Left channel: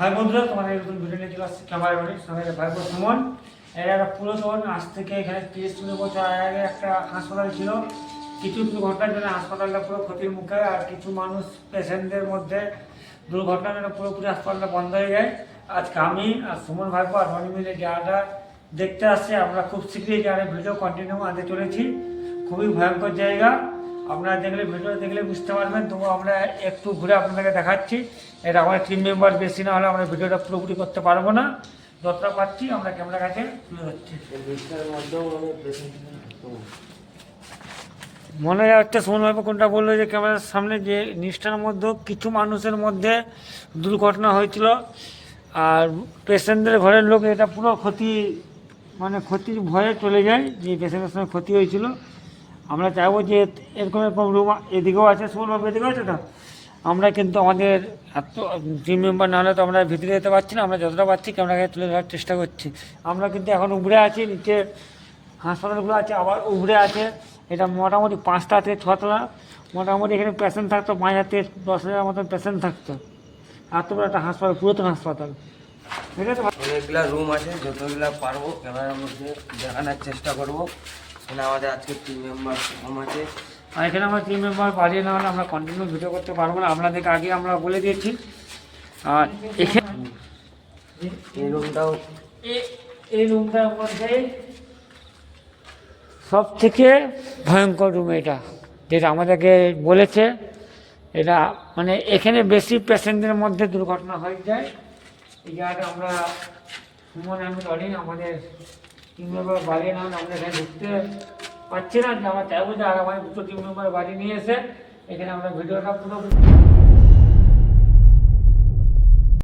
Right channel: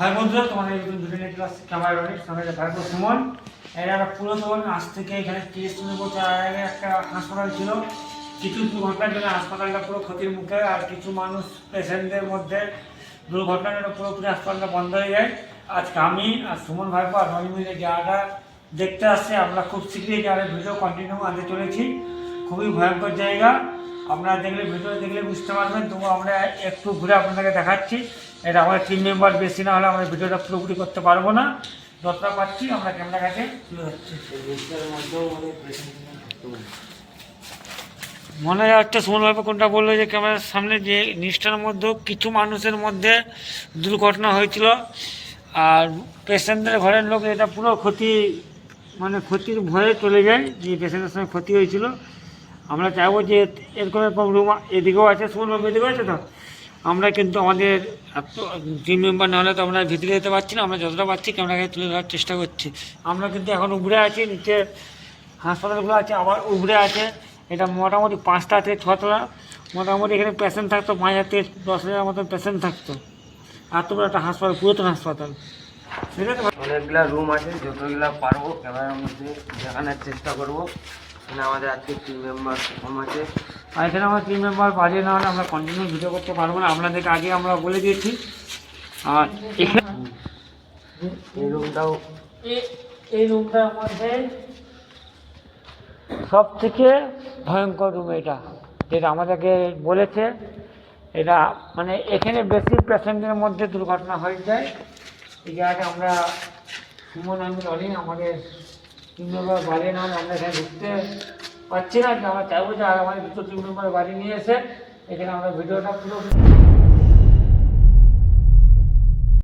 High বন্ধুরা, তোমাদের নতুন ভিডিও নিয়ে চলে আসছে ক্যামেরা রনির সঙ্গে ভাই সুমন। এরা একটা পুরাতন, আজ থেকে এখানে 30 বছর আগে একটা হাসপাতাল ছিল। কিছু দুর্ঘটনার জন্য হাসপাতালটা পুরো ক্ষতির মুখে, আর কিছু মানুষ পেশেন্টদের মধ্যে দুর্ঘটনার জন্য পুরোপুরি হাসপাতালটা বন্ধ হয়ে যায়। আজকে আমি আর সুমন ভাইপো আর রনি মিলে জায়গাটা দেখতে আসছে। আমরা খুব শীঘ্রই জায়গার ভিডিও কন্টিনিউ আনতে চলেছি। খুবই ভয়ঙ্কর জায়গা, আপনারা দেখলে ভিডিও দেখলে বুঝতে পারবেন। তবু আমরা একটু ঘুরে আপনাদেরকে দেখাচ্ছি। এটা আমাদের টিম মেম্বার বেশি না হলে আমরা ভিডিওটা পুরোপুরি করতে পারবো না। যতটা পাচ্ছি আমরা ক্যামেরা কাছে তুলে ধরছি। মনে একটা সুমনভাবে কোনটা বললো যে ক্যামেরার সামনে যে নিষ্ঠার মধ্যেও কিছু মানুষের মধ্যে দুর্ঘটনা হয়েছিল, আর পেশেন্টদের ঘরের লোক এটা পুরো ক্ষতি, মানে ক্ষতির ভয়ে চলে যায় যে পেশেন্টের সঙ্গে ক্ষতি হয়েছিল। আমরা চাইবো যে এরকম এরকম রুম এদিকেও আছে, সুমনভাবে এদিকেও আছে তো। আমরা কিন্তু আমাদের টিম মেম্বার না হলে তো আমরা ভিতরে যেতে পারছি না। আমরা যতটা পারছি ক্যামেরাকে তুলে ধরার চেষ্টা করছি। আমরা কিন্তু এখন উপরে আছি, নিচে হাসপাতালগুলো আছে, আবার উপরে আছে। এটা মোটামুটি 5টা থেকে 6তলা। মোটামুটি এখানে পেশেন্ট থাকতো 5,000 থেকে 10,000 মতন পেশেন্ট থাকতো। এত বড় একটা হাসপাতাল, পুরাতন হাসপাতাল। ঠিক আছে, অনেকগুলা রুম আছে, যতগুলা পারবো ক্যামেরার মধ্যে দেখানোর চেষ্টা করবো। এখানে আমাদের আজকে টিম মেম্বার কম আছে, আর এখানে আমার টিম মেম্বার বাজিয়ে না হলে আমরা কন্টিনিউ ভিডিও করতে পারবো না। আপনাদেরকে আগে আমরা বলে দিয়েছি। আর এখানে এই রুমটাও এই রুমটার মধ্যে সব থেকে ভয়ঙ্কর রুম এটা, যেটা আমাদেরকে বলেছে। এটা মানে এখানে বেশি পেশেন্টদের মধ্যে দুর্ঘটনা হয়ে যায়। এই জায়গাটা আমরা সুমন আমি রনি আমাদের টিম মেম্বার বাড়িয়ে না হলে আমরা এখানে ঢুকতে পারছি না। যে আমরা চাইবো যে আর আমাদের দুটো টিম মেম্বার বাড়ি নিয়ে এসে এখানে আমরা ভিডিওটা পুরো